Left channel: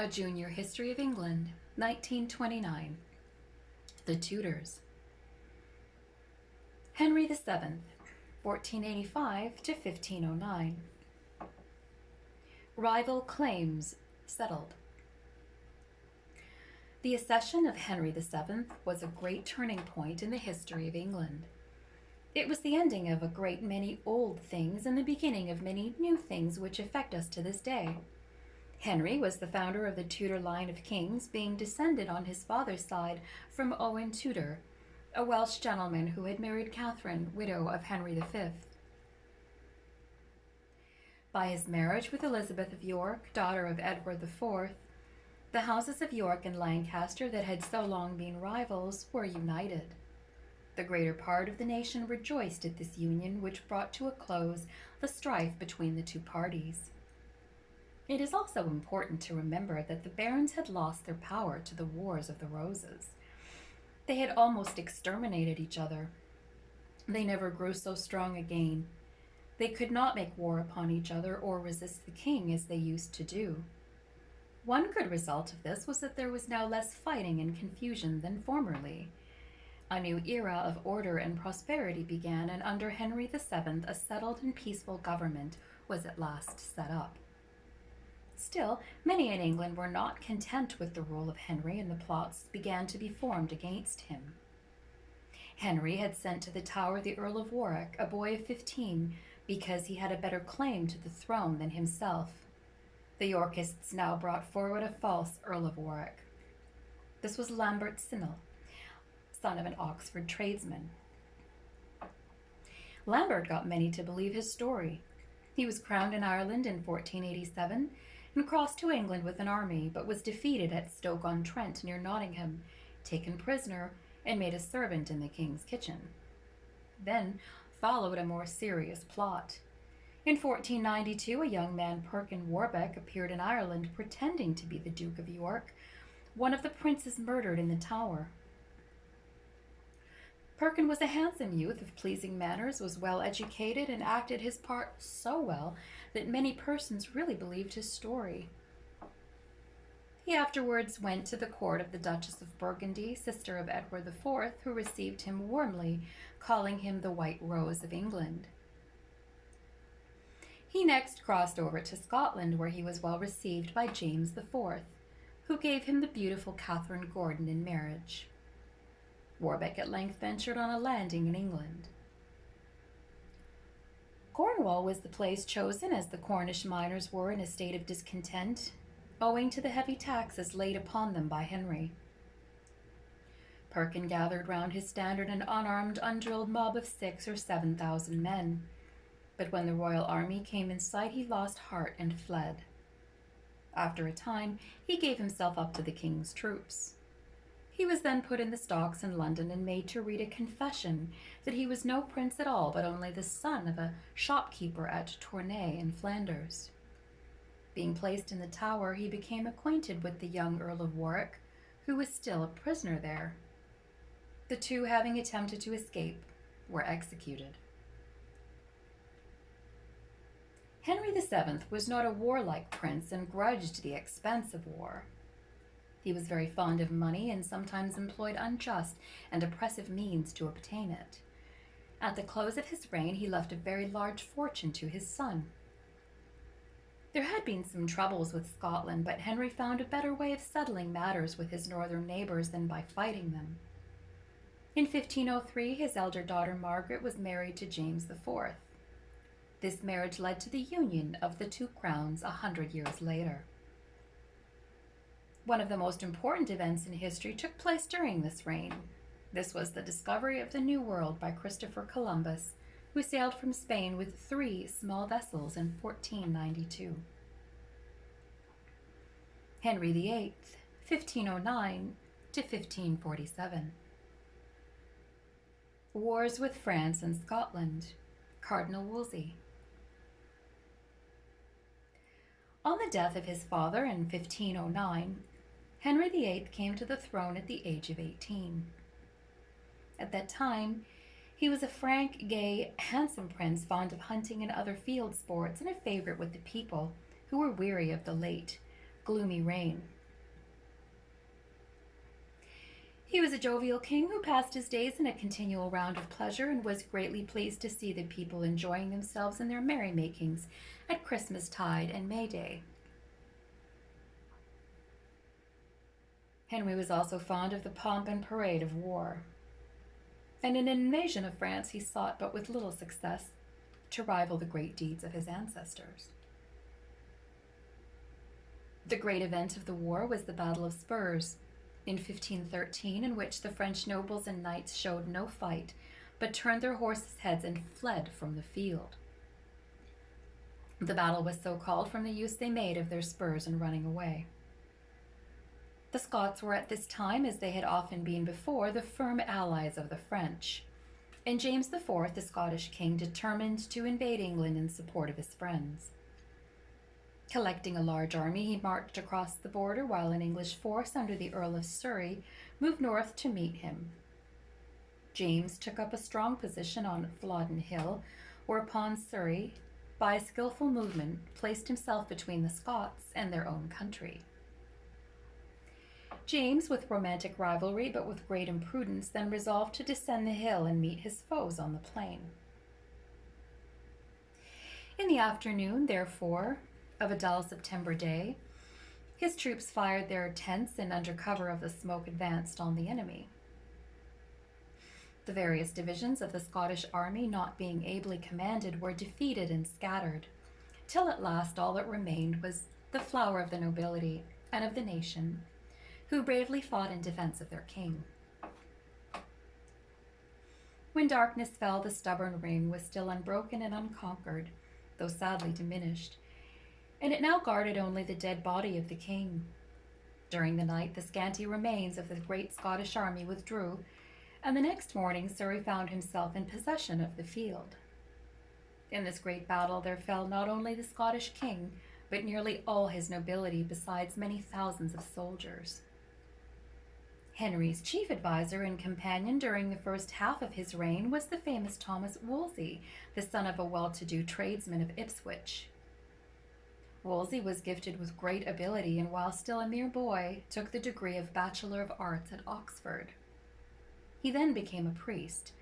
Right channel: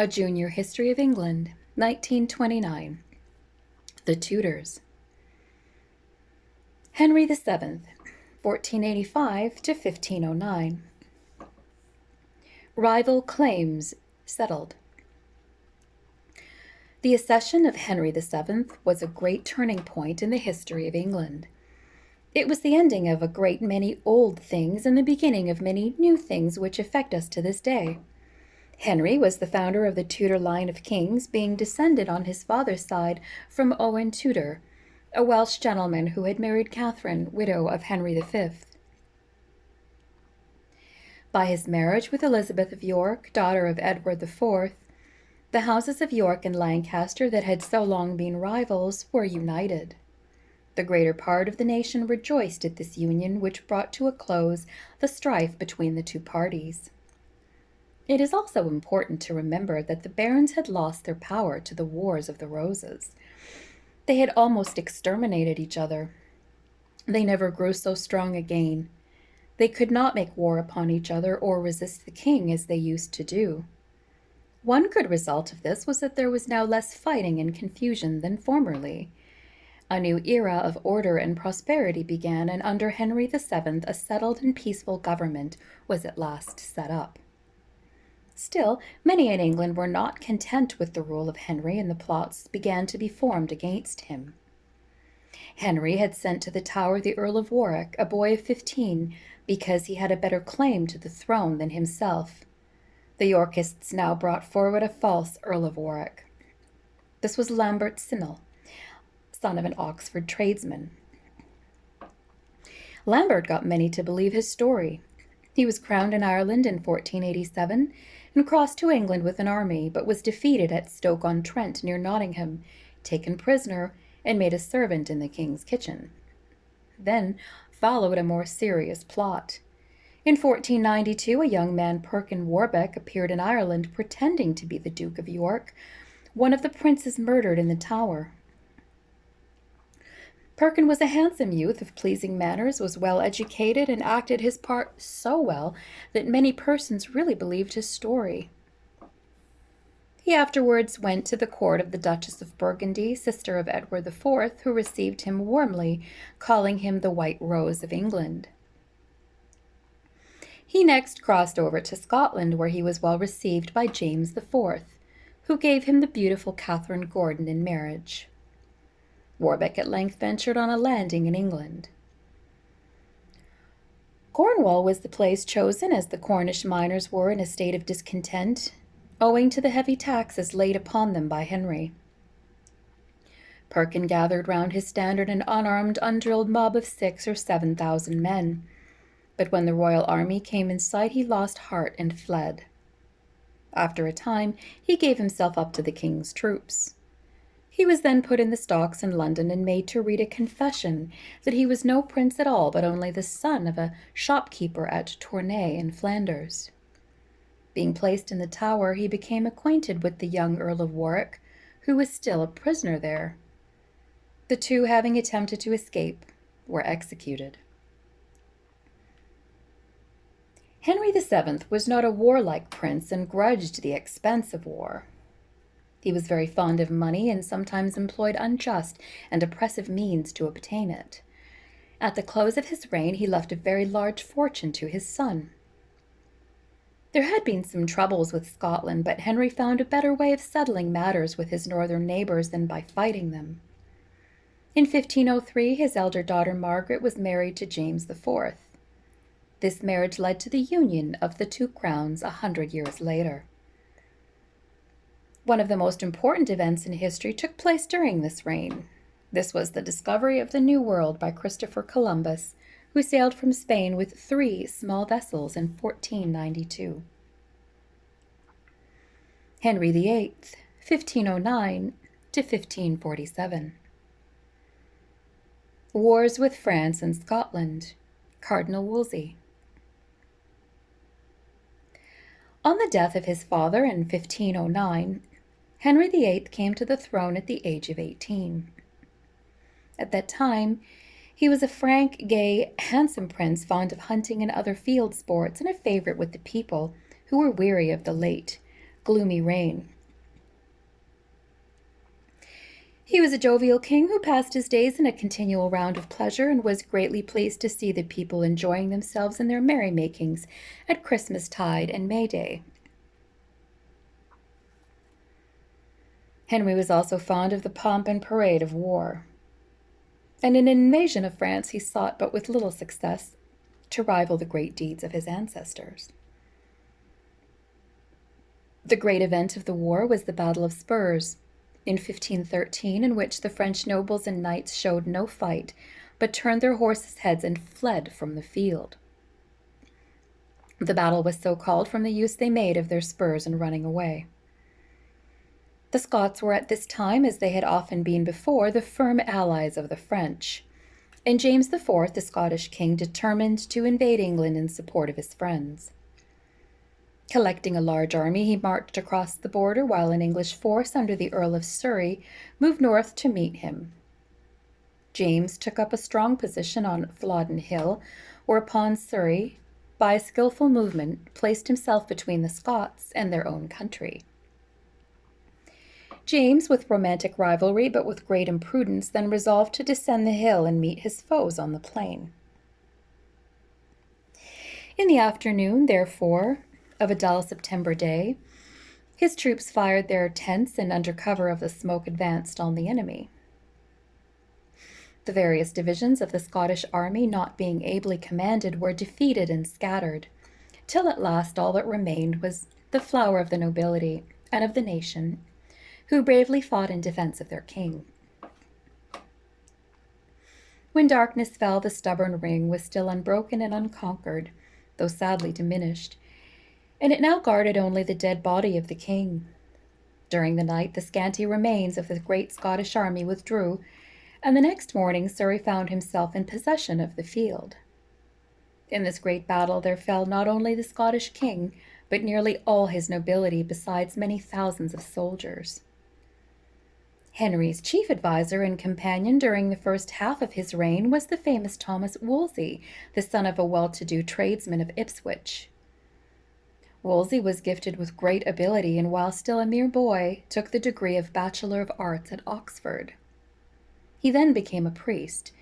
A Junior History of England, 1929. The Tudors. Henry VII, 1485 to 1509. Rival claims settled. The accession of Henry VII was a great turning point in the history of England. It was the ending of a great many old things and the beginning of many new things which affect us to this day. Henry was the founder of the Tudor line of kings, being descended on his father's side from Owen Tudor, a Welsh gentleman who had married Catherine, widow of Henry V. By his marriage with Elizabeth of York, daughter of Edward IV, the houses of York and Lancaster that had so long been rivals were united. The greater part of the nation rejoiced at this union, which brought to a close the strife between the two parties. It is also important to remember that the barons had lost their power to the Wars of the Roses. They had almost exterminated each other. They never grew so strong again. They could not make war upon each other or resist the king as they used to do. One good result of this was that there was now less fighting and confusion than formerly. A new era of order and prosperity began, and under Henry VII a settled and peaceful government was at last set up. Still, many in England were not content with the rule of Henry, and the plots began to be formed against him. Henry had sent to the Tower the Earl of Warwick, a boy of 15, because he had a better claim to the throne than himself. The Yorkists now brought forward a false Earl of Warwick. This was Lambert Simnel, son of an Oxford tradesman. Lambert got many to believe his story. He was crowned in Ireland in 1487 and crossed to England with an army, but was defeated at Stoke-on-Trent near Nottingham, taken prisoner, and made a servant in the king's kitchen. Then followed a more serious plot. In 1492, a young man, Perkin Warbeck, appeared in Ireland pretending to be the Duke of York, one of the princes murdered in the Tower. Perkin was a handsome youth of pleasing manners, was well educated, and acted his part so well that many persons really believed his story. He afterwards went to the court of the Duchess of Burgundy, sister of Edward IV, who received him warmly, calling him the White Rose of England. He next crossed over to Scotland, where he was well received by James IV, who gave him the beautiful Catherine Gordon in marriage. Warbeck at length ventured on a landing in England. Cornwall was the place chosen, as the Cornish miners were in a state of discontent, owing to the heavy taxes laid upon them by Henry. Perkin gathered round his standard an unarmed, undrilled mob of 6,000 or 7,000 men, but when the royal army came in sight, he lost heart and fled. After a time, he gave himself up to the king's troops. He was then put in the stocks in London and made to read a confession that he was no prince at all, but only the son of a shopkeeper at Tournai in Flanders. Being placed in the Tower, he became acquainted with the young Earl of Warwick, who was still a prisoner there. The two, having attempted to escape, were executed. Henry VII was not a warlike prince and grudged the expense of war. He was very fond of money and sometimes employed unjust and oppressive means to obtain it. At the close of his reign, he left a very large fortune to his son. There had been some troubles with Scotland, but Henry found a better way of settling matters with his northern neighbors than by fighting them. In 1503, his elder daughter Margaret was married to James IV. This marriage led to the union of the two crowns 100 years later. One of the most important events in history took place during this reign. This was the discovery of the New World by Christopher Columbus, who sailed from Spain with 3 small vessels in 1492. Henry VIII, 1509 to 1547. Wars with France and Scotland. Cardinal Wolsey. On the death of his father in 1509, Henry VIII came to the throne at the age of 18. At that time, he was a frank, gay, handsome prince, fond of hunting and other field sports, and a favorite with the people, who were weary of the late, gloomy reign. He was a jovial king who passed his days in a continual round of pleasure and was greatly pleased to see the people enjoying themselves in their merrymakings at Christmas-tide and May Day. Henry was also fond of the pomp and parade of war, and in an invasion of France he sought, but with little success, to rival the great deeds of his ancestors. The great event of the war was the Battle of Spurs in 1513, in which the French nobles and knights showed no fight, but turned their horses' heads and fled from the field. The battle was so called from the use they made of their spurs in running away. The Scots were at this time, as they had often been before, the firm allies of the French, and James IV, the Scottish king, determined to invade England in support of his friends. Collecting a large army, he marched across the border while an English force under the Earl of Surrey moved north to meet him. James took up a strong position on Flodden Hill, whereupon Surrey, by a skillful movement, placed himself between the Scots and their own country. James, with romantic rivalry but with great imprudence, then resolved to descend the hill and meet his foes on the plain. In the afternoon, therefore, of a dull September day, his troops fired their tents and under cover of the smoke advanced on the enemy. The various divisions of the Scottish army, not being ably commanded, were defeated and scattered, till at last all that remained was the flower of the nobility and of the nation, who bravely fought in defense of their king. When darkness fell, the stubborn ring was still unbroken and unconquered, though sadly diminished, and it now guarded only the dead body of the king. During the night, the scanty remains of the great Scottish army withdrew, and the next morning Surrey found himself in possession of the field. In this great battle there fell not only the Scottish king, but nearly all his nobility, besides many thousands of soldiers. Henry's chief adviser and companion during the first half of his reign was the famous Thomas Wolsey, the son of a well-to-do tradesman of Ipswich. Wolsey was gifted with great ability, and while still a mere boy, took the degree of Bachelor of Arts at Oxford. He then became a priest,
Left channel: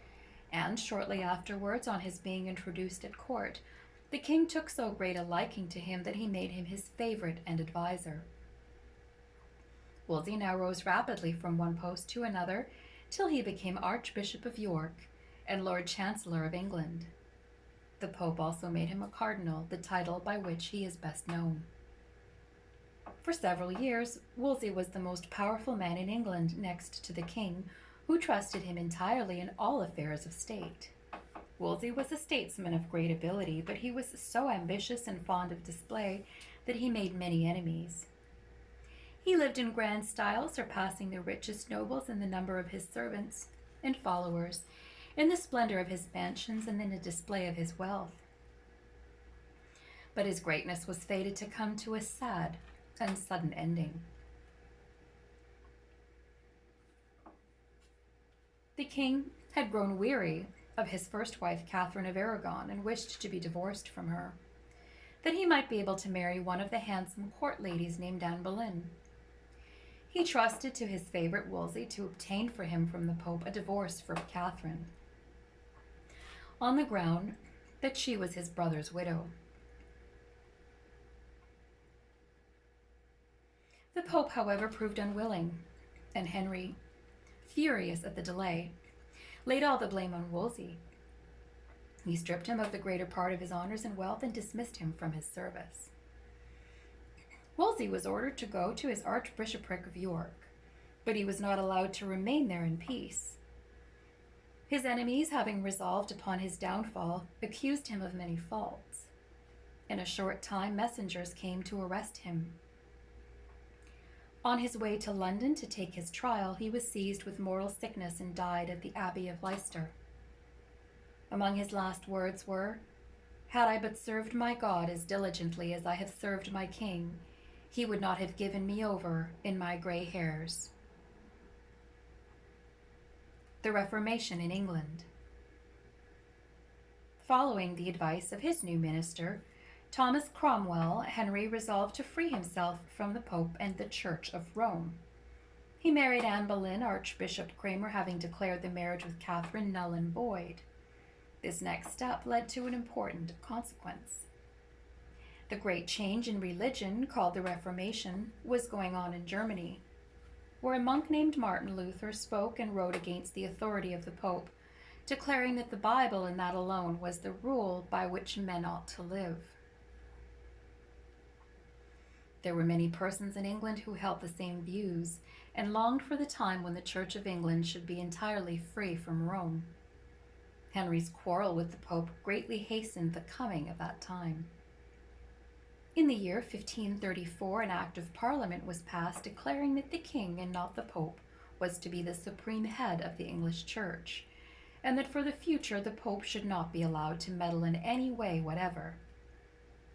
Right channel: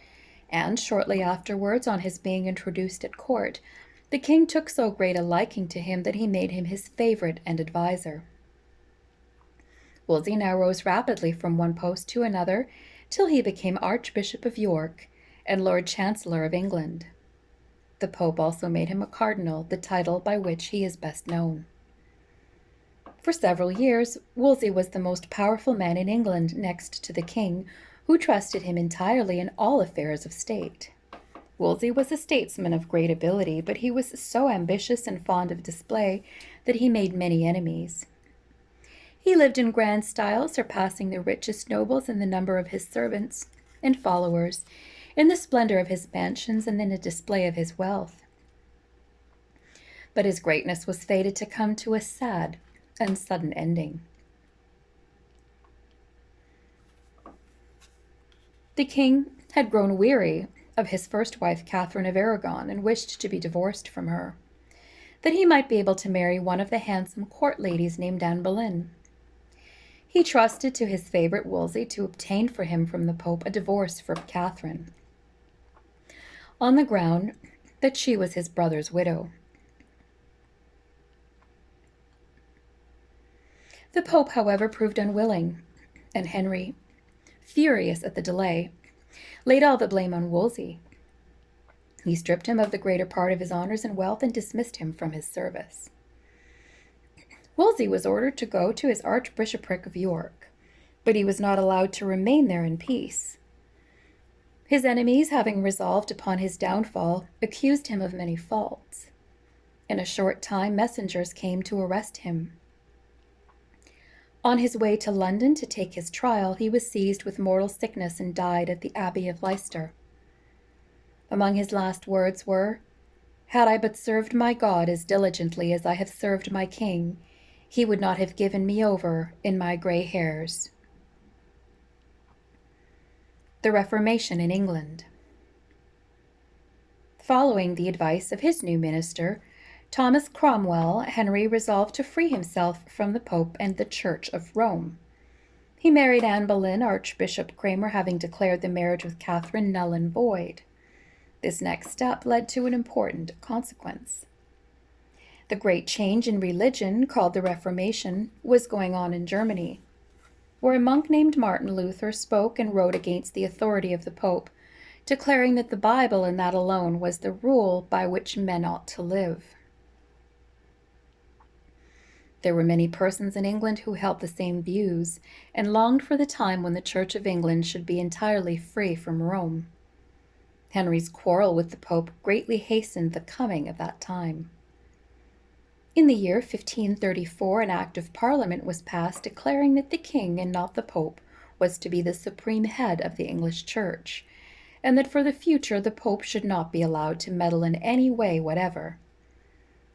and shortly afterwards, on his being introduced at court, the king took so great a liking to him that he made him his favorite and adviser. Wolsey now rose rapidly from one post to another, till he became Archbishop of York and Lord Chancellor of England. The Pope also made him a cardinal, the title by which he is best known. For several years, Wolsey was the most powerful man in England next to the king, who trusted him entirely in all affairs of state. Wolsey was a statesman of great ability, but he was so ambitious and fond of display that he made many enemies. He lived in grand style, surpassing the richest nobles in the number of his servants and followers, in the splendor of his mansions, and in the display of his wealth. But his greatness was fated to come to a sad and sudden ending. The king had grown weary of his first wife, Catherine of Aragon, and wished to be divorced from her, that he might be able to marry one of the handsome court ladies named Anne Boleyn. He trusted to his favorite Wolsey to obtain for him from the Pope a divorce for Catherine, on the ground that she was his brother's widow. The Pope, however, proved unwilling, and Henry, furious at the delay, laid all the blame on Wolsey. He stripped him of the greater part of his honors and wealth and dismissed him from his service. Wolsey was ordered to go to his Archbishopric of York, but he was not allowed to remain there in peace. His enemies, having resolved upon his downfall, accused him of many faults. In a short time, messengers came to arrest him. On his way to London to take his trial, he was seized with mortal sickness and died at the Abbey of Leicester. Among his last words were, "Had I but served my God as diligently as I have served my king, he would not have given me over in my gray hairs." The Reformation in England. Following the advice of his new minister, Thomas Cromwell, Henry resolved to free himself from the Pope and the Church of Rome. He married Anne Boleyn, Archbishop Cranmer having declared the marriage with Catherine null and void. This next step led to an important consequence. The great change in religion, called the Reformation, was going on in Germany, where a monk named Martin Luther spoke and wrote against the authority of the Pope, declaring that the Bible and that alone was the rule by which men ought to live. There were many persons in England who held the same views and longed for the time when the Church of England should be entirely free from Rome. Henry's quarrel with the Pope greatly hastened the coming of that time. In the year 1534, an Act of Parliament was passed declaring that the king and not the Pope was to be the supreme head of the English Church, and that for the future the Pope should not be allowed to meddle in any way whatever.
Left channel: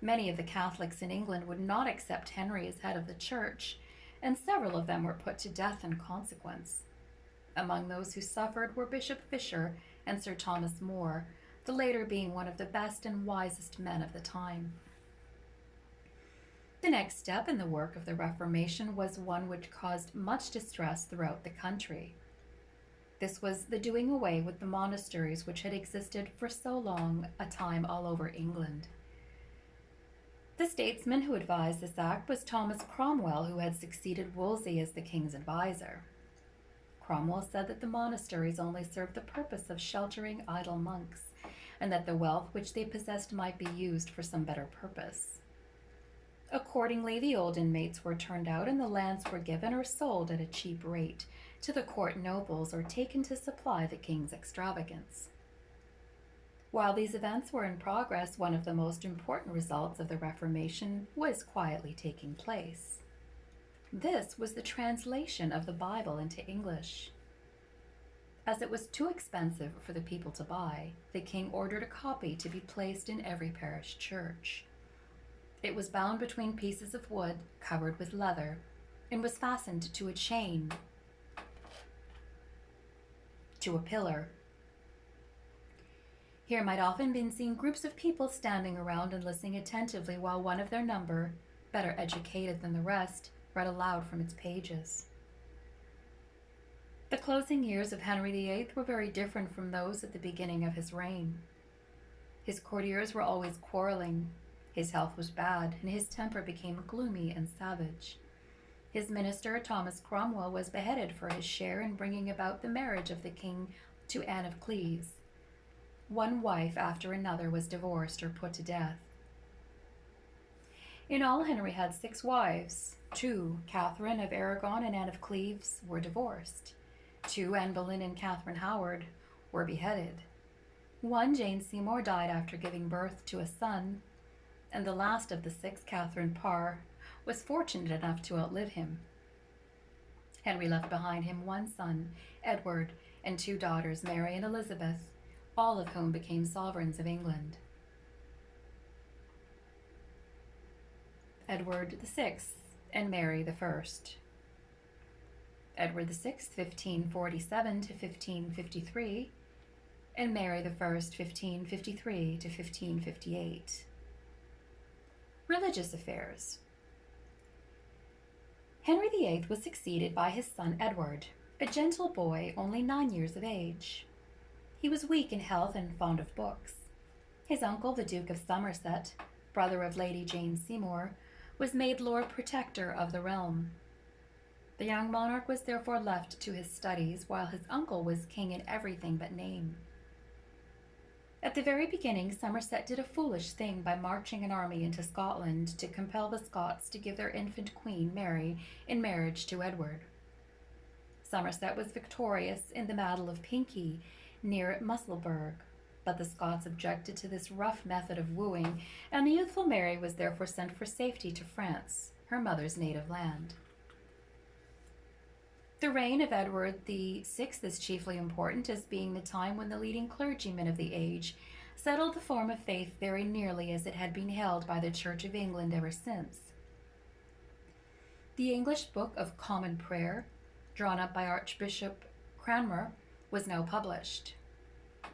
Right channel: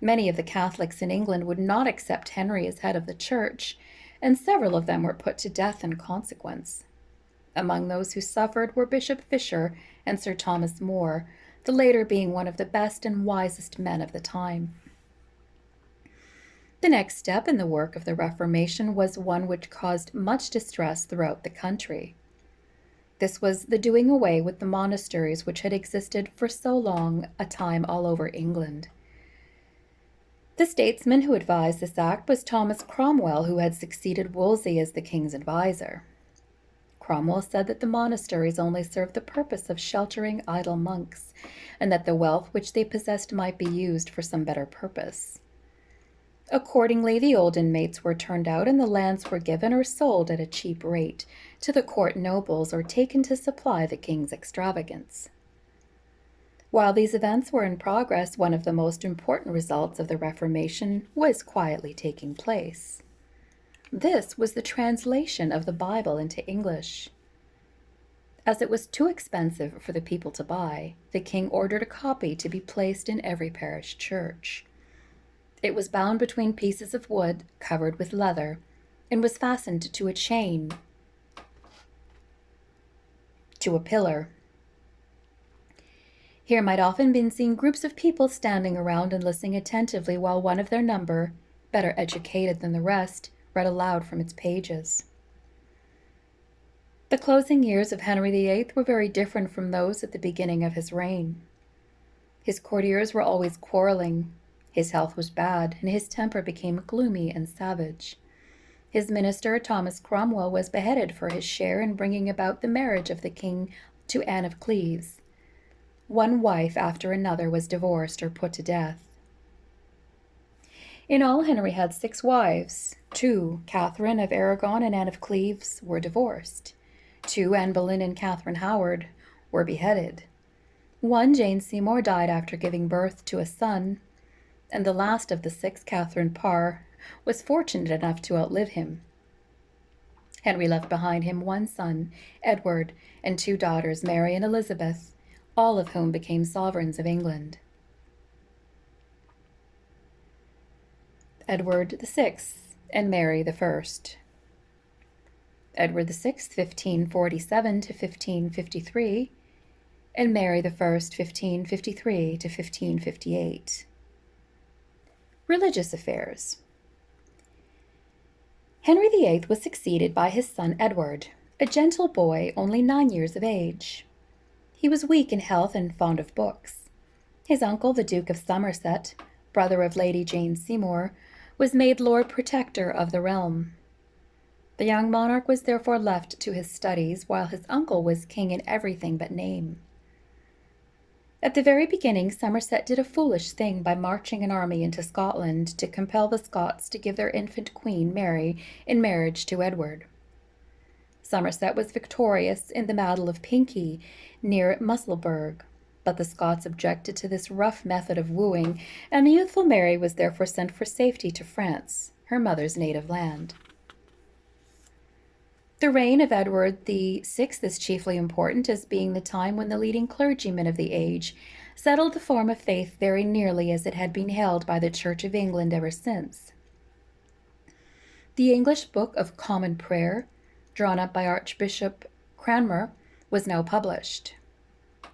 Many of the Catholics in England would not accept Henry as head of the Church, and several of them were put to death in consequence. Among those who suffered were Bishop Fisher and Sir Thomas More, the latter being one of the best and wisest men of the time. The next step in the work of the Reformation was one which caused much distress throughout the country. This was the doing away with the monasteries which had existed for so long a time all over England. The statesman who advised this act was Thomas Cromwell, who had succeeded Wolsey as the king's advisor. Cromwell said that the monasteries only served the purpose of sheltering idle monks, and that the wealth which they possessed might be used for some better purpose. Accordingly, the old inmates were turned out and the lands were given or sold at a cheap rate to the court nobles or taken to supply the king's extravagance. While these events were in progress, one of the most important results of the Reformation was quietly taking place. This was the translation of the Bible into English. As it was too expensive for the people to buy, the king ordered a copy to be placed in every parish church. It was bound between pieces of wood covered with leather and was fastened to a chain to a pillar. Here might often be seen groups of people standing around and listening attentively while one of their number, better educated than the rest, read aloud from its pages. The closing years of Henry VIII were very different from those at the beginning of his reign. His courtiers were always quarreling. His health was bad, and his temper became gloomy and savage. His minister, Thomas Cromwell, was beheaded for his share in bringing about the marriage of the king to Anne of Cleves. One wife after another was divorced or put to death. In all, Henry had 6 wives. 2, Catherine of Aragon and Anne of Cleves, were divorced. 2, Anne Boleyn and Catherine Howard, were beheaded. 1, Jane Seymour, died after giving birth to a son. And the last of the 6, Catherine Parr, was fortunate enough to outlive him. Henry left behind him 1 son, Edward, and 2 daughters, Mary and Elizabeth, all of whom became sovereigns of England. Edward VI and Mary I. Edward VI, 1547 to 1553, and Mary I, 1553 to 1558. Religious affairs. Henry VIII was succeeded by his son Edward, a gentle boy only 9 years of age. He was weak in health and fond of books. His uncle, the Duke of Somerset, brother of Lady Jane Seymour, was made Lord Protector of the realm. The young monarch was therefore left to his studies, while his uncle was king in everything but name. At the very beginning, Somerset did a foolish thing by marching an army into Scotland to compel the Scots to give their infant queen, Mary, in marriage to Edward. Somerset was victorious in the Battle of Pinkie near Musselburgh, but the Scots objected to this rough method of wooing, and the youthful Mary was therefore sent for safety to France, her mother's native land. The reign of Edward VI is chiefly important as being the time when the leading clergymen of the age settled the form of faith very nearly as it had been held by the Church of England ever since. The English Book of Common Prayer, drawn up by Archbishop Cranmer, was now published.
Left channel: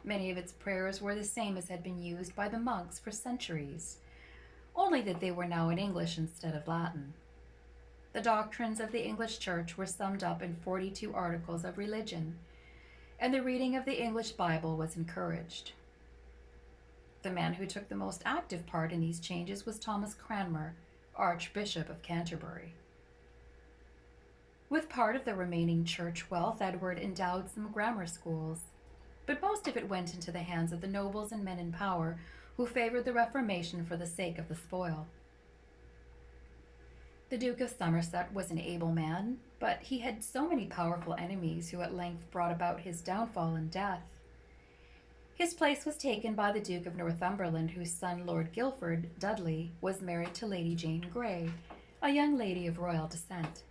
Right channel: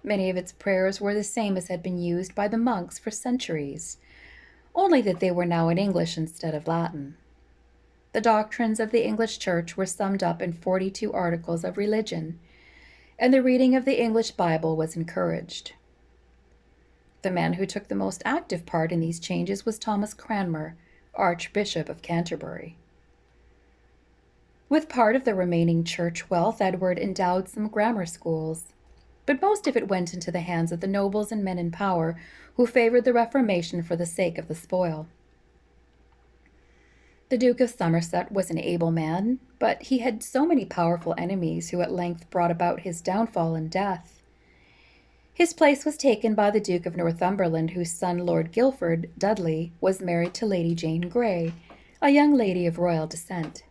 Many of its prayers were the same as had been used by the monks for centuries. only that they were now in English instead of Latin. The doctrines of the English Church were summed up in 42 articles of religion, and the reading of the English Bible was encouraged. The man who took the most active part in these changes was Thomas Cranmer, Archbishop of Canterbury. With part of the remaining church wealth, Edward endowed some grammar schools, but most of it went into the hands of the nobles and men in power who favored the Reformation for the sake of the spoil. The Duke of Somerset was an able man, but he had so many powerful enemies who at length brought about his downfall and death. His place was taken by the Duke of Northumberland, whose son, Lord Guilford Dudley, was married to Lady Jane Grey, a young lady of royal descent.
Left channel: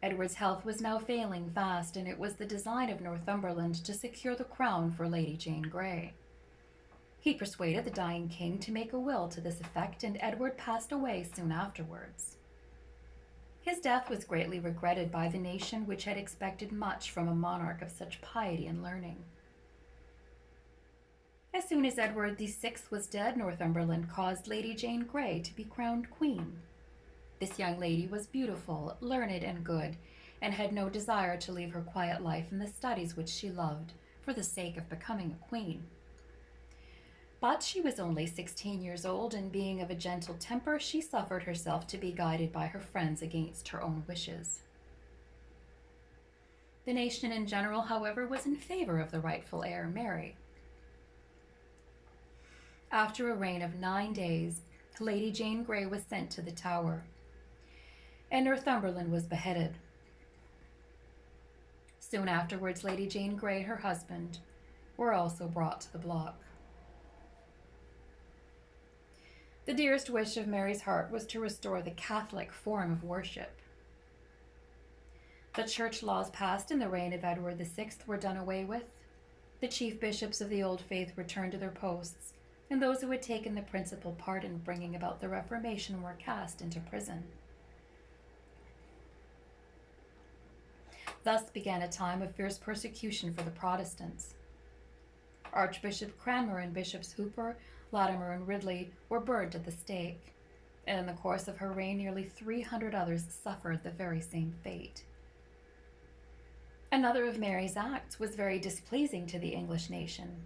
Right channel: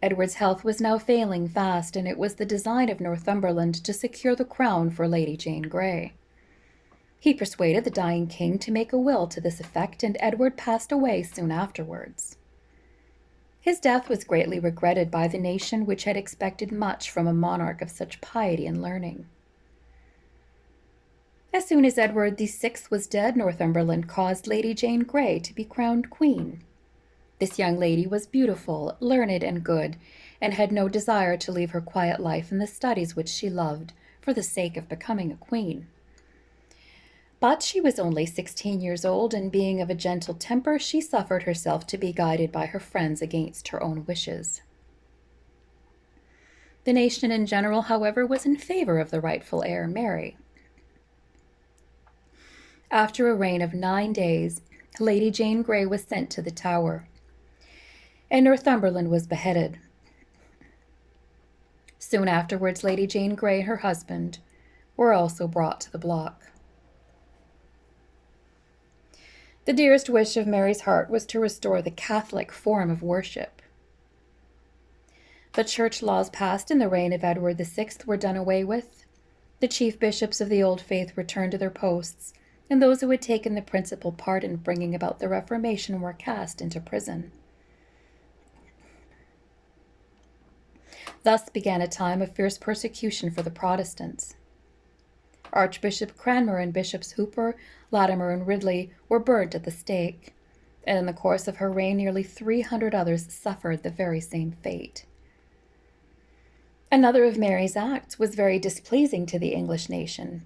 Edward's health was now failing fast, and it was the design of Northumberland to secure the crown for Lady Jane Grey. He persuaded the dying king to make a will to this effect, and Edward passed away soon afterwards. His death was greatly regretted by the nation, which had expected much from a monarch of such piety and learning. As soon as Edward VI was dead, Northumberland caused Lady Jane Grey to be crowned queen. This young lady was beautiful, learned, and good, and had no desire to leave her quiet life and the studies which she loved for the sake of becoming a queen. But she was only 16 years old, and being of a gentle temper, she suffered herself to be guided by her friends against her own wishes. The nation in general, however, was in favor of the rightful heir, Mary. After a reign of 9 days, Lady Jane Grey was sent to the Tower, and Northumberland was beheaded. Soon afterwards, Lady Jane Grey and her husband were also brought to the block. The dearest wish of Mary's heart was to restore the Catholic form of worship. The church laws passed in the reign of Edward VI were done away with. The chief bishops of the old faith returned to their posts, and those who had taken the principal part in bringing about the Reformation were cast into prison. Thus began a time of fierce persecution for the Protestants. Archbishop Cranmer and Bishops Hooper, Latimer, and Ridley were burned at the stake, and in the course of her reign nearly 300 others suffered the very same fate. Another of Mary's acts was very displeasing to the English nation.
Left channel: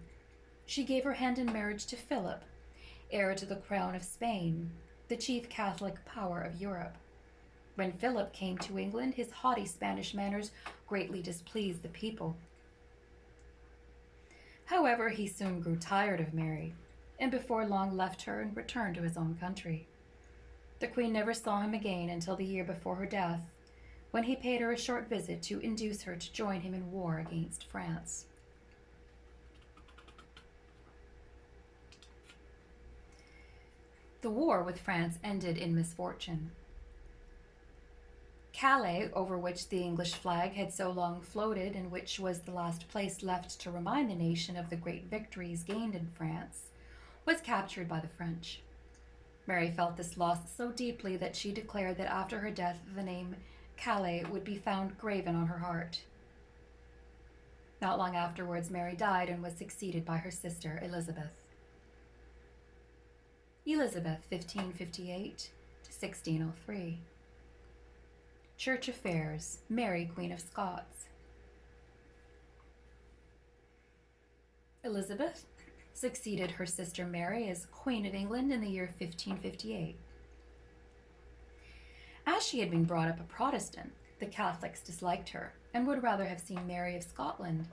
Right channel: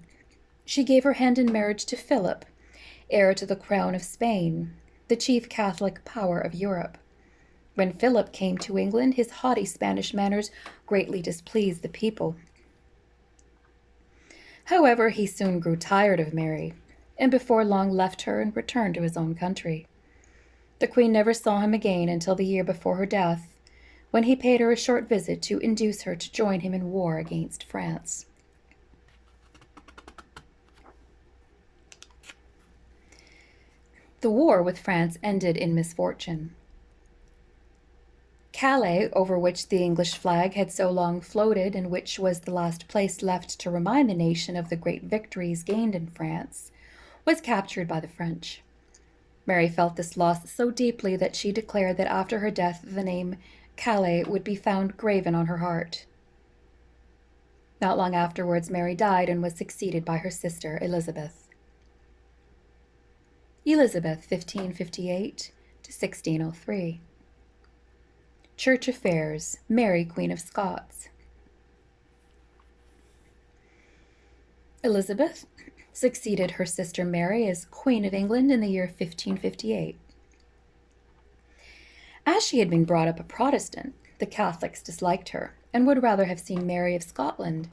She gave her hand in marriage to Philip, heir to the crown of Spain, the chief Catholic power of Europe. When Philip came to England, his haughty Spanish manners greatly displeased the people. However, he soon grew tired of Mary, and before long left her and returned to his own country. The queen never saw him again until the year before her death, when he paid her a short visit to induce her to join him in war against France. The war with France ended in misfortune. Calais, over which the English flag had so long floated, and which was the last place left to remind the nation of the great victories gained in France, was captured by the French. Mary felt this loss so deeply that she declared that after her death the name Calais would be found graven on her heart. Not long afterwards, Mary died and was succeeded by her sister Elizabeth. Elizabeth, 1558 to 1603. Church affairs. Mary, Queen of Scots. Elizabeth succeeded her sister Mary as Queen of England in the year 1558. As she had been brought up a Protestant, the Catholics disliked her and would rather have seen Mary of Scotland,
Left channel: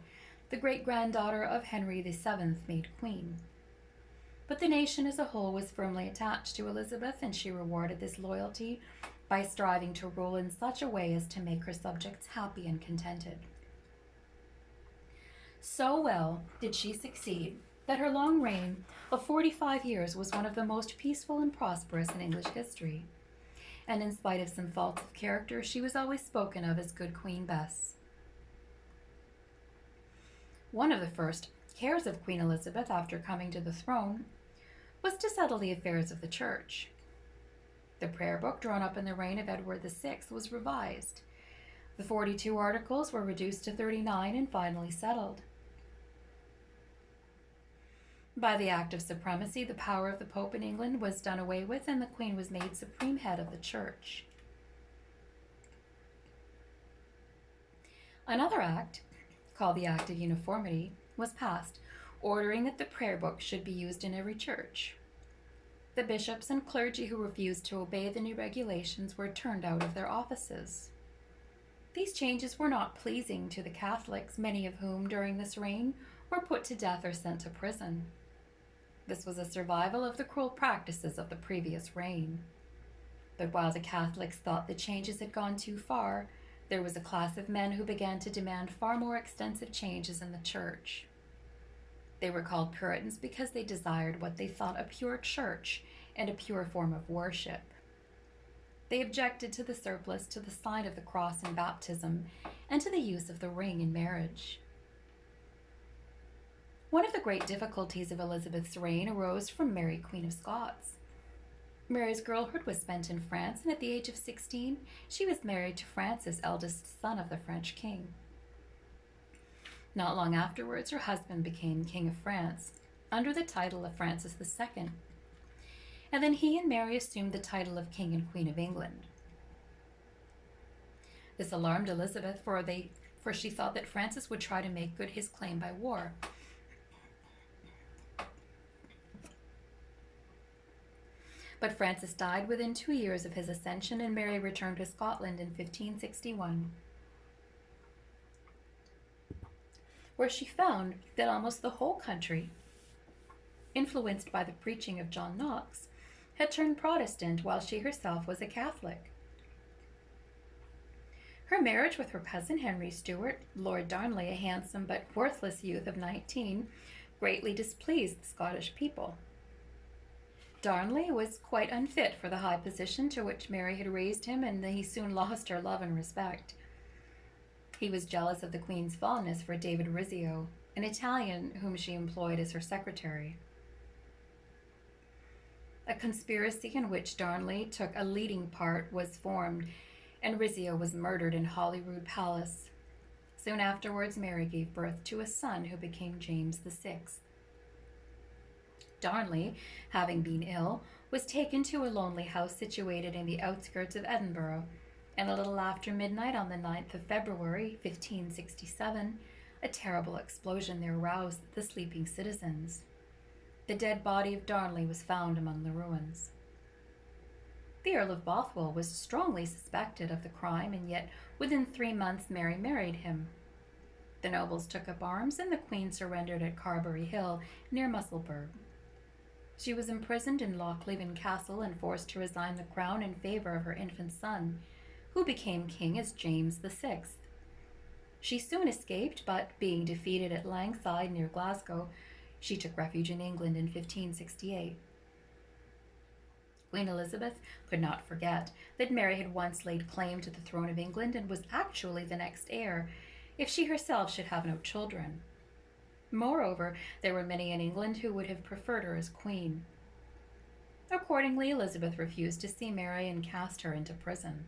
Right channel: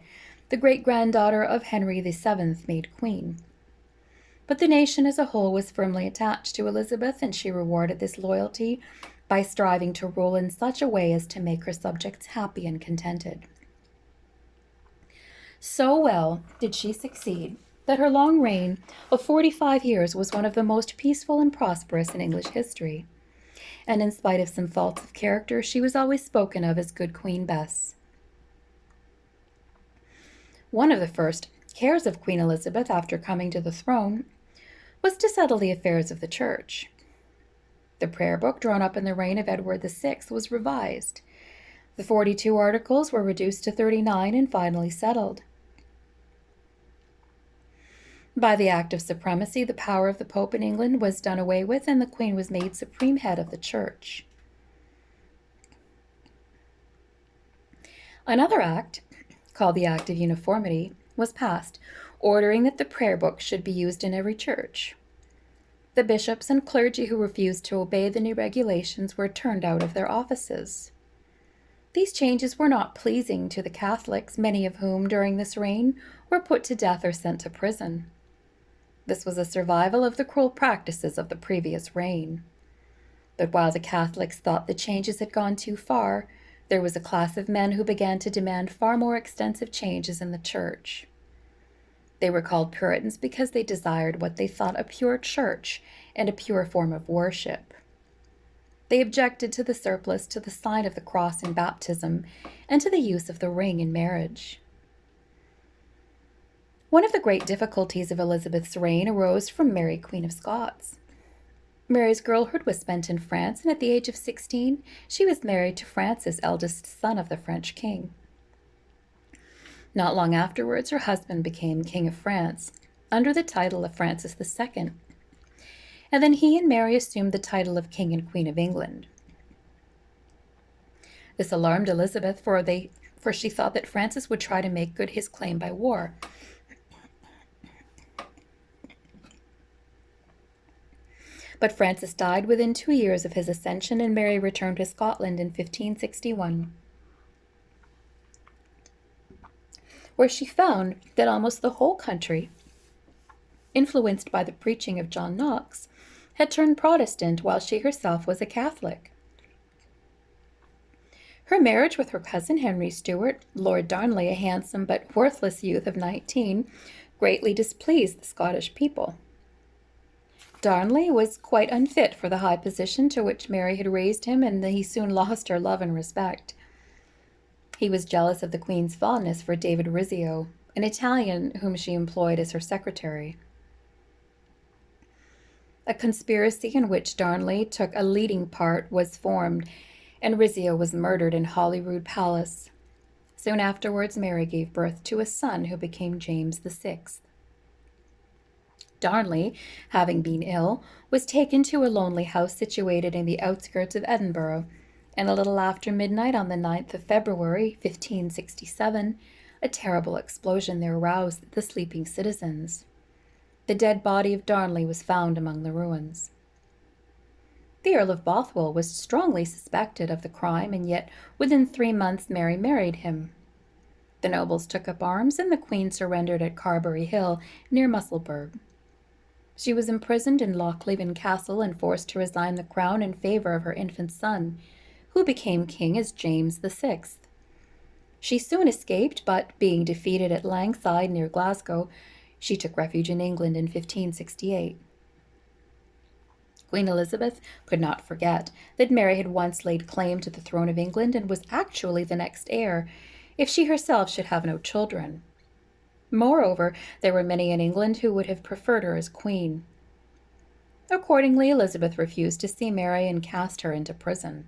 the great-granddaughter of Henry VII, made queen. But the nation as a whole was firmly attached to Elizabeth, and she rewarded this loyalty by striving to rule in such a way as to make her subjects happy and contented. So well did she succeed that her long reign of 45 years was one of the most peaceful and prosperous in English history, and in spite of some faults of character, she was always spoken of as good Queen Bess. One of the first cares of Queen Elizabeth after coming to the throne was to settle the affairs of the church. The prayer book drawn up in the reign of Edward VI was revised. The 42 articles were reduced to 39 and finally settled. By the Act of Supremacy, the power of the Pope in England was done away with, and the Queen was made supreme head of the Church. Another act, called the Act of Uniformity, was passed, ordering that the prayer book should be used in every church. The bishops and clergy who refused to obey the new regulations were turned out of their offices. These changes were not pleasing to the Catholics, many of whom, during this reign, were put to death or sent to prison. This was a survival of the cruel practices of the previous reign. But while the Catholics thought the changes had gone too far, there was a class of men who began to demand far more extensive changes in the Church. They were called Puritans because they desired what they thought a pure church and a pure form of worship. They objected to the surplice, to the sign of the cross in baptism, and to the use of the ring in marriage. One of the great difficulties of Elizabeth's reign arose from Mary, Queen of Scots. Mary's girlhood was spent in France, and at the age of 16, she was married to Francis, eldest son of the French king. Not long afterwards, her husband became King of France, under the title of Francis II, and then he and Mary assumed the title of King and Queen of England. This alarmed Elizabeth, for she thought that Francis would try to make good his claim by war. But Francis died within 2 years of his accession, and Mary returned to Scotland in 1561, where she found that almost the whole country, influenced by the preaching of John Knox, had turned Protestant, while she herself was a Catholic. Her marriage with her cousin Henry Stuart, Lord Darnley, a handsome but worthless youth of 19, greatly displeased the Scottish people. Darnley was quite unfit for the high position to which Mary had raised him, and he soon lost her love and respect. He was jealous of the Queen's fondness for David Rizzio, an Italian whom she employed as her secretary. A conspiracy in which Darnley took a leading part was formed, and Rizzio was murdered in Holyrood Palace. Soon afterwards, Mary gave birth to a son who became James VI. Darnley, having been ill, was taken to a lonely house situated in the outskirts of Edinburgh, and a little after midnight on the 9th of February, 1567, a terrible explosion there roused the sleeping citizens. The dead body of Darnley was found among the ruins. The Earl of Bothwell was strongly suspected of the crime, and yet within 3 months Mary married him. The nobles took up arms, and the Queen surrendered at Carberry Hill, near Musselburgh. She was imprisoned in Lochleven Castle and forced to resign the crown in favor of her infant son, who became king as James VI. She soon escaped, but being defeated at Langside near Glasgow, she took refuge in England in 1568. Queen Elizabeth could not forget that Mary had once laid claim to the throne of England and was actually the next heir, if she herself should have no children. Moreover, there were many in England who would have preferred her as queen. Accordingly, Elizabeth refused to see Mary and cast her into prison.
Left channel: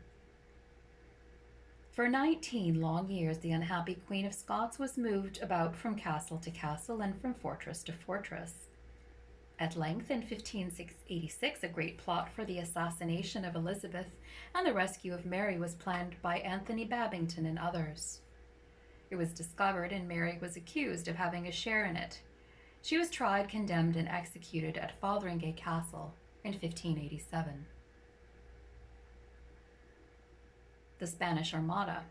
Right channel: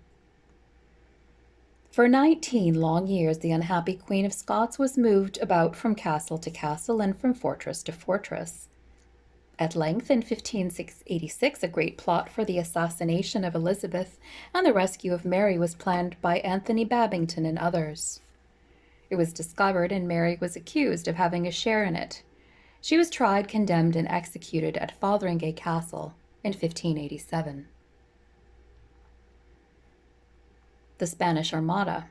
For 19 long years, the unhappy Queen of Scots was moved about from castle to castle and from fortress to fortress. At length, in 1586, a great plot for the assassination of Elizabeth and the rescue of Mary was planned by Anthony Babington and others. It was discovered, and Mary was accused of having a share in it. She was tried, condemned, and executed at Fotheringay Castle in 1587. The Spanish Armada.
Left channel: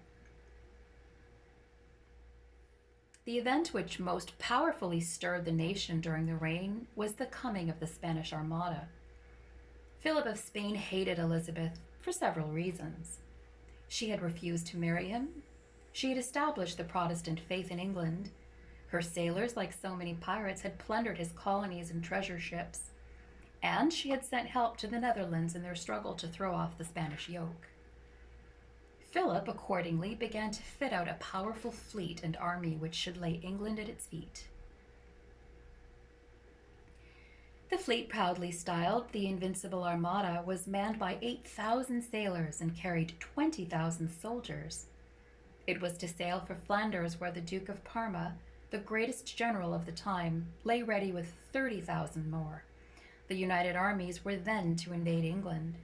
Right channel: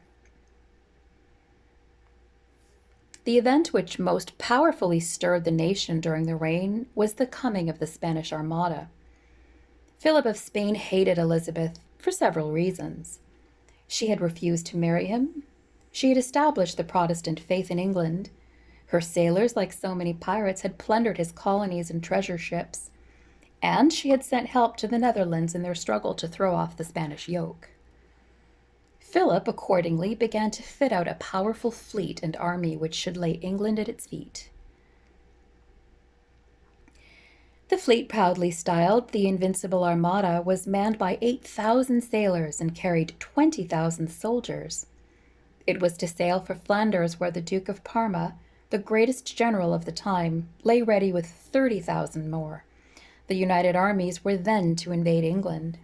The event which most powerfully stirred the nation during the reign was the coming of the Spanish Armada. Philip of Spain hated Elizabeth for several reasons. She had refused to marry him. She had established the Protestant faith in England. Her sailors, like so many pirates, had plundered his colonies and treasure ships. And she had sent help to the Netherlands in their struggle to throw off the Spanish yoke. Philip accordingly began to fit out a powerful fleet and army which should lay England at its feet. The fleet, proudly styled the Invincible Armada, was manned by 8,000 sailors and carried 20,000 soldiers. It was to sail for Flanders, where the Duke of Parma, the greatest general of the time, lay ready with 30,000 more. The united armies were then to invade England.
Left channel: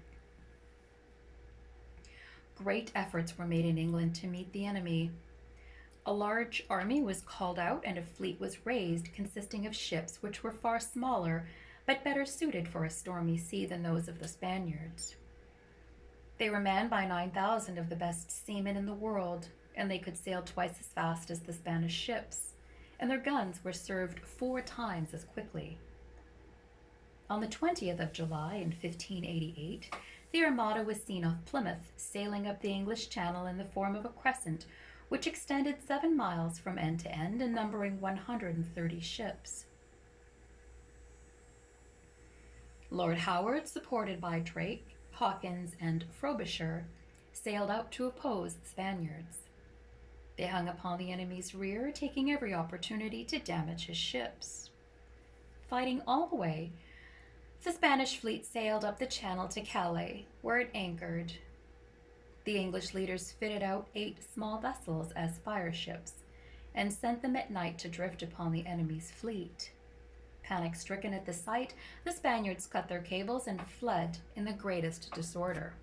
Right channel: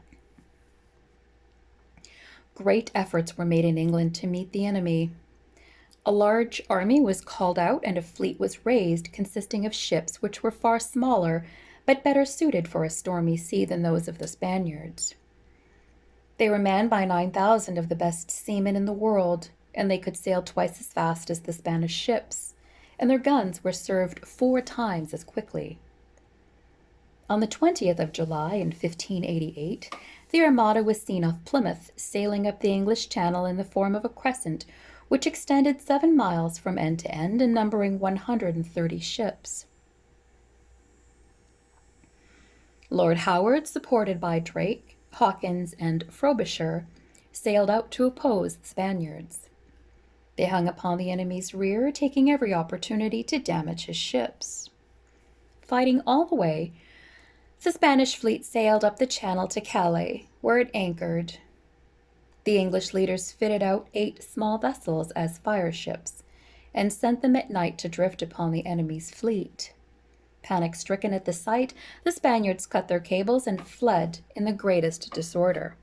Great efforts were made in England to meet the enemy. A large army was called out and a fleet was raised consisting of ships which were far smaller but better suited for a stormy sea than those of the Spaniards. They were manned by 9,000 of the best seamen in the world, and they could sail twice as fast as the Spanish ships, and their guns were served 4 times as quickly. On the 20th of July in 1588, the Armada was seen off Plymouth, sailing up the English Channel in the form of a crescent, which extended 7 miles from end to end and numbering 130 ships. Lord Howard, supported by Drake, Hawkins, and Frobisher, sailed out to oppose the Spaniards. They hung upon the enemy's rear, taking every opportunity to damage his ships. Fighting all the way, the Spanish fleet sailed up the channel to Calais, where it anchored. The English leaders fitted out 8 small vessels as fire ships and sent them at night to drift upon the enemy's fleet. Panic-stricken at the sight, the Spaniards cut their cables and fled in the greatest disorder.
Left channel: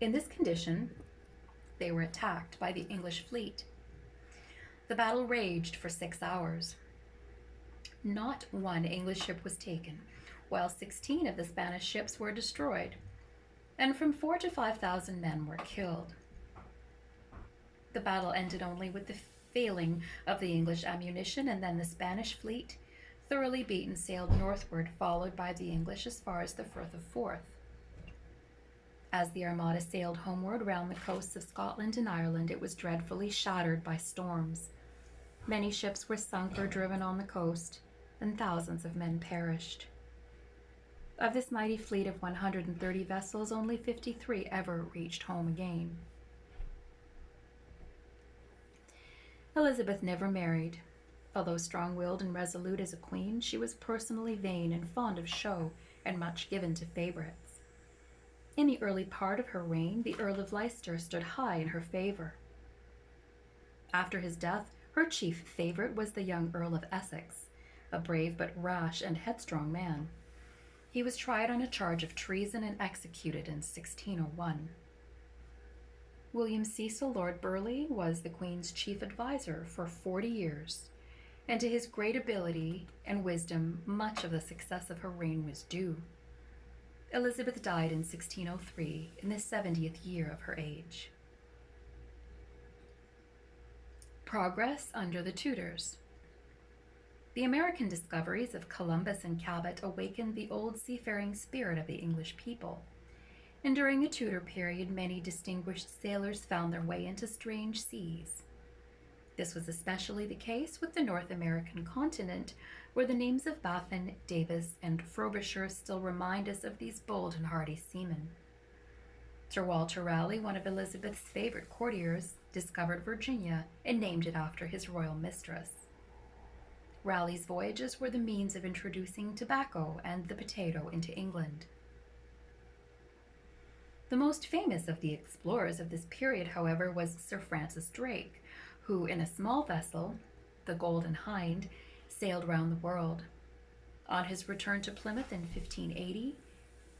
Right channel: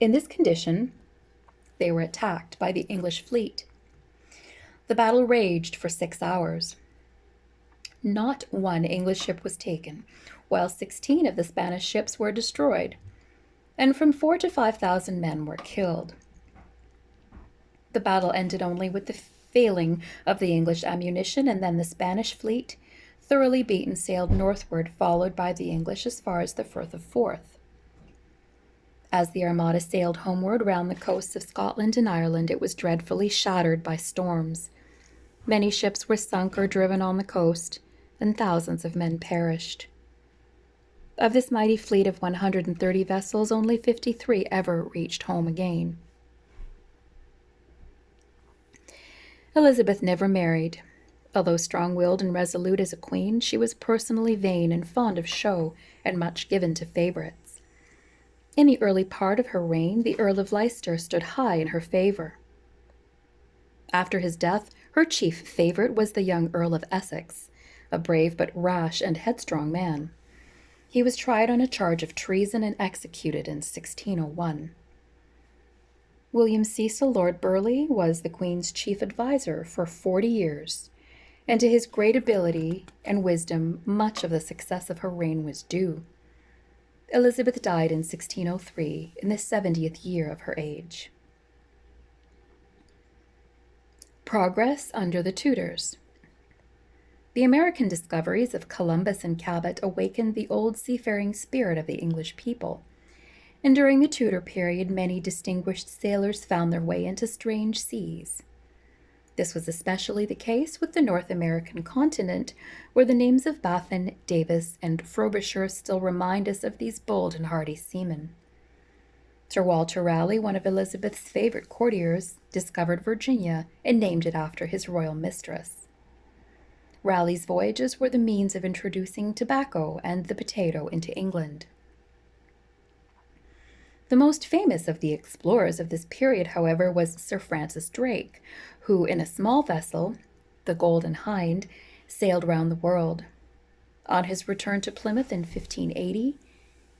In this condition, they were attacked by the English fleet. The battle raged for 6 hours. Not one English ship was taken, while 16 of the Spanish ships were destroyed, and from 4,000 to 5,000 men were killed. The battle ended only with the failing of the English ammunition, and then the Spanish fleet, thoroughly beaten, sailed northward, followed by the English as far as the Firth of Forth. As the Armada sailed homeward round the coasts of Scotland and Ireland, it was dreadfully shattered by storms. Many ships were sunk or driven on the coast, and thousands of men perished. Of this mighty fleet of 130 vessels, only 53 ever reached home again. Elizabeth never married. Although strong-willed and resolute as a queen, she was personally vain and fond of show and much given to favorites. In the early part of her reign, the Earl of Leicester stood high in her favor. After his death, her chief favorite was the young Earl of Essex, a brave but rash and headstrong man. He was tried on a charge of treason and executed in 1601. William Cecil, Lord Burleigh, was the Queen's chief adviser for 40 years, and to his great ability and wisdom, much of the success of her reign was due. Elizabeth died in 1603, in the 70th year of her age. Progress under the Tudors. The American discoveries of Columbus and Cabot awakened the old seafaring spirit of the English people, and during the Tudor period, many distinguished sailors found their way into strange seas. This was especially the case with the North American continent, where the names of Baffin, Davis, and Frobisher still remind us of these bold and hardy seamen. Sir Walter Raleigh, one of Elizabeth's favorite courtiers, discovered Virginia and named it after his royal mistress. Raleigh's voyages were the means of introducing tobacco and the potato into England. The most famous of the explorers of this period, however, was Sir Francis Drake, who, in a small vessel, the Golden Hind, sailed round the world. On his return to Plymouth in 1580,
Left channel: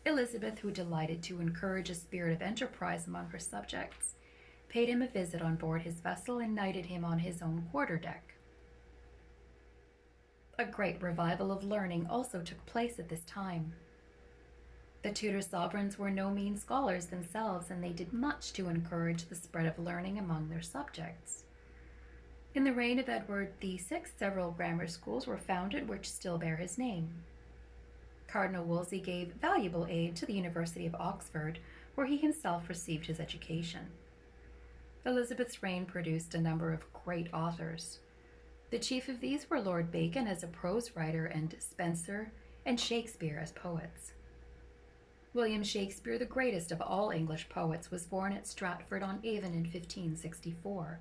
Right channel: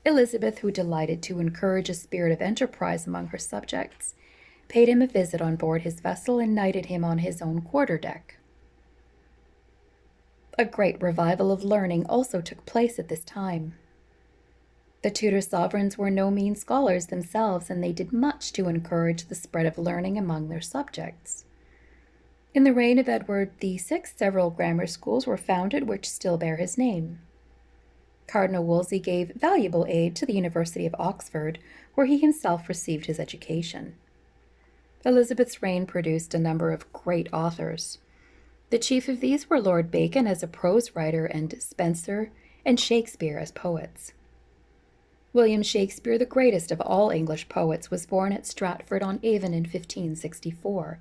Elizabeth, who delighted to encourage a spirit of enterprise among her subjects, paid him a visit on board his vessel and knighted him on his own quarter-deck. A great revival of learning also took place at this time. The Tudor sovereigns were no mean scholars themselves, and they did much to encourage the spread of learning among their subjects. In the reign of Edward VI, several grammar schools were founded which still bear his name. Cardinal Wolsey gave valuable aid to the University of Oxford, where he himself received his education. Elizabeth's reign produced a number of great authors. The chief of these were Lord Bacon as a prose writer and Spenser and Shakespeare as poets. William Shakespeare, the greatest of all English poets, was born at Stratford-on-Avon in 1564.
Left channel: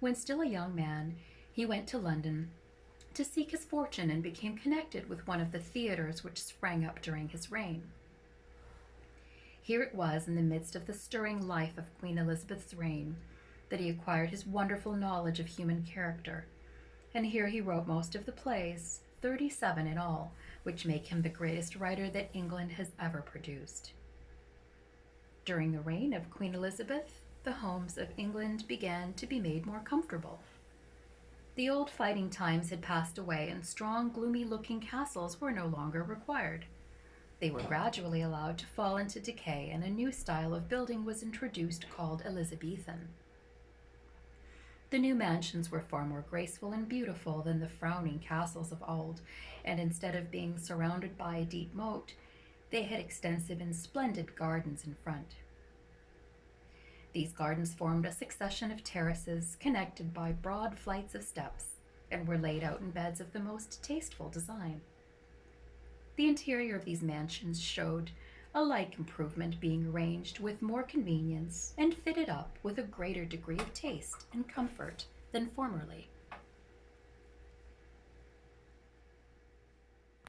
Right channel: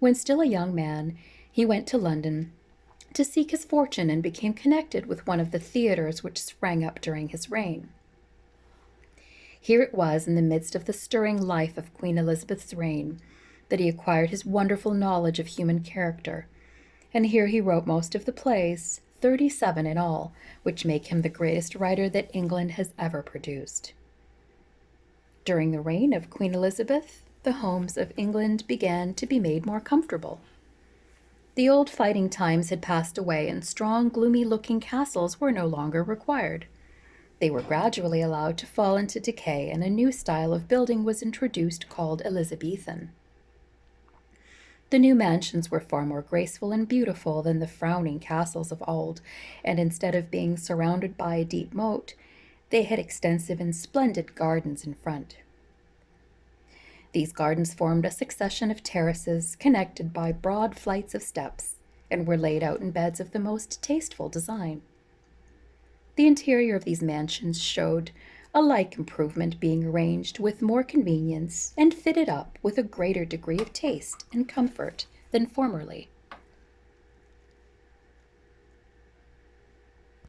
When still a young man, he went to London to seek his fortune and became connected with one of the theatres which sprang up during his reign. Here it was, in the midst of the stirring life of Queen Elizabeth's reign, that he acquired his wonderful knowledge of human character, and here he wrote most of the plays, 37 in all, which make him the greatest writer that England has ever produced. During the reign of Queen Elizabeth, the homes of England began to be made more comfortable. The old fighting times had passed away, and strong, gloomy-looking castles were no longer required. They were gradually allowed to fall into decay, and a new style of building was introduced called Elizabethan. The new mansions were far more graceful and beautiful than the frowning castles of old, and instead of being surrounded by a deep moat, they had extensive and splendid gardens in front. These gardens formed a succession of terraces connected by broad flights of steps, and were laid out in beds of the most tasteful design. The interior of these mansions showed a like improvement, being arranged with more convenience and fitted up with a greater degree of taste and comfort than formerly.